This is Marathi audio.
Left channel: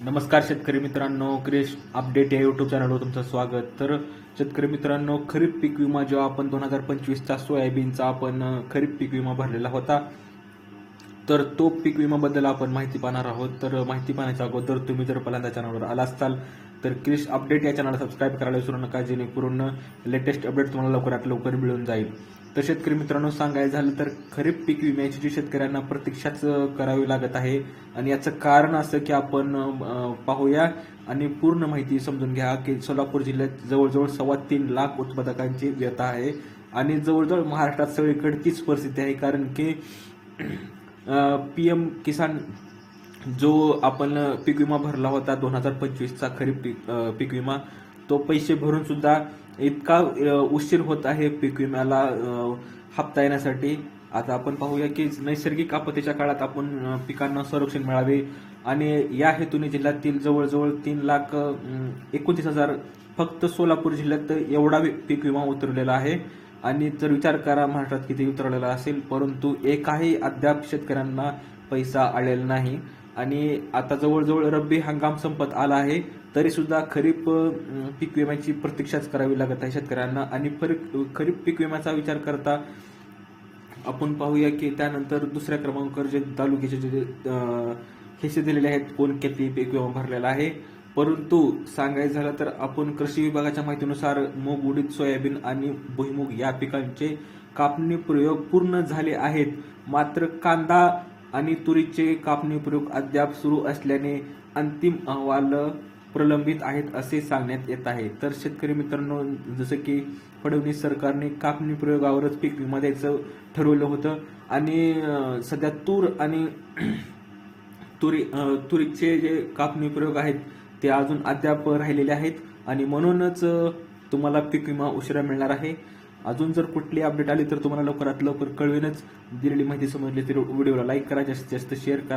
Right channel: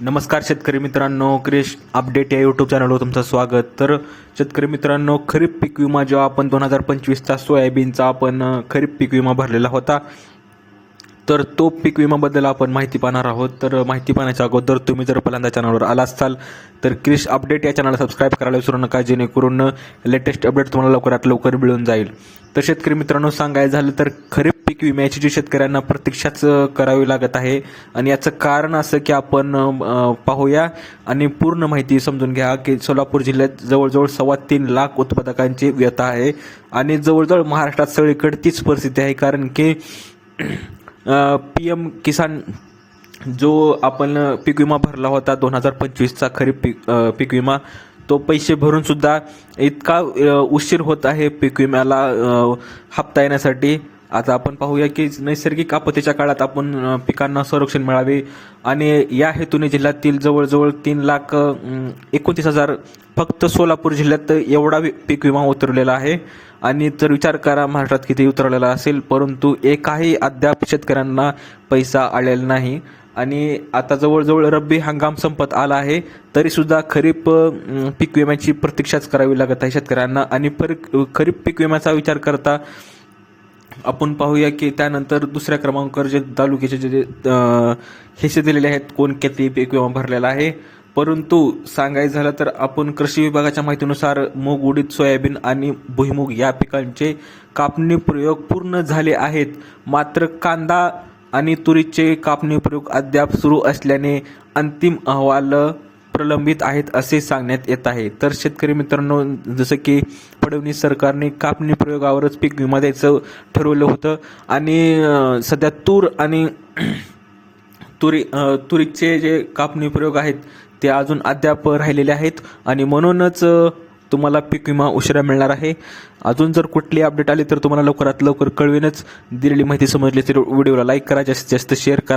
नमस्कार शेतकरी मित्रांनो क्रिश अपडेट या यूट्यूब चॅनलवर तुमचं स्वागत. तर शेतकरी मित्रांनो खरीप पीक विमा जेव्हा आपण दोन हजार पंचवीसचा सोयाबीनचा आपण खरीप पीक विमा भरलेला होता तर तो पीक विमाबद्दल आपण माहिती पाहणार आहोत. तर माहिती पाहण्याच्या अगोदर तुम्ही जर पहिल्यांदा चॅनलवर आला असाल तर क्रिश अपडेट या चॅनलला सबस्क्राईब करायला विसरू नका जेणेकरून लेटेस्ट अपडेट तुम्हाला लवकरात लवकर मिळून जाईल. तर शेतकरी मित्रांनो सांगायचं झालं तर खरीप पीक विम्याची जी शेतकऱ्यांना प्रतीक्षाच करावी लागत आहे आणि याचं कारण असं की आपण पाहूया आणि पूर्ण माहिती समजून घ्या की सोलापूर जिल्ह्यात जवळजवळ सव्वा तीन लाख उत्पादकांची व्यथा आहे आणि जवळजवळ महाराष्ट्रात सगळीकडे तीच परिस्थिती आहे. कारण की पी एम किसान जो आपण पीक विमा भरला होता दोन हजार पंचवीसचा खरीप पीक पीक विमा तो पैसे भरूनसुद्धा इतका उशीर होत आहे पीक विम्याला हप्ता येण्यासाठी. आता आपण पाहूया की नैसर्गिक आपत्तीच्या काळात आपण पिकांना संरक्षण मिळावे आणि या हेतूने जिल्ह्यातील जवळजवळ तीन लाख एकोणतीस हजार फक्त सोलापूर जिल्ह्यात एवढा पीक विमा उतरलेला आहे. आणि जर विचार करा महाराष्ट्रात किती उतरलेला असेल परंतु एकाही अद्याप शेतकऱ्यांना पैसा आलेला नाही. आणि आता जवळजवळ रब्बी हंगाम संपत आला आहे तरीसुद्धा खरीप पीक विम्याची प्रतीक्षाच करावी लागत आहे शेतकऱ्यांना. आणि परी- खरीप पीक विम्याचा विचार करता आपण पाहूया की त्यानंतर दुसऱ्या क्रमांकावर जे तालुक्याचे जे हिस्से दिलेले आहेत कोण किती पीक विमा भरलेला आहे. परंतु सांगायचं झालं तर आपण कृषी विभागाच्या माहितीनुसार मूग उडीद सोयाबीन आणि भुईमूग या पिकांचे कापणी प्रयोग पूर्ण झाले आहेत. मात्र कांदा आणि तुरीचे कापणी प्रयोग अद्याप सुरू असल्याने अंतिम अहवाल प्रलंबित आहेत असे सांगण्यात येत आहे. तर शेतकरी मित्रांनो जसं की फडणवीस सरकारने कापणी प्रयोगावरच पीक विमा द्यायचं ठरवलं होतं आणि सध्या तूर आणि तुरी तुरीचे जे कापणी प्रयोग आहेत ते अजून अद्याप राहिलेले आहेत आणि म्हणूनच तुम्हाला पीक विमा उशिरा मिळणार आहे. अजून जर कुठली अपडेट आली तर तुम्हाला लवकरात लवकर कळवेनच. दिलेली माहिती समजली तर व्हिडिओला लाईक करा जास्तीत जास्त शेअर करा.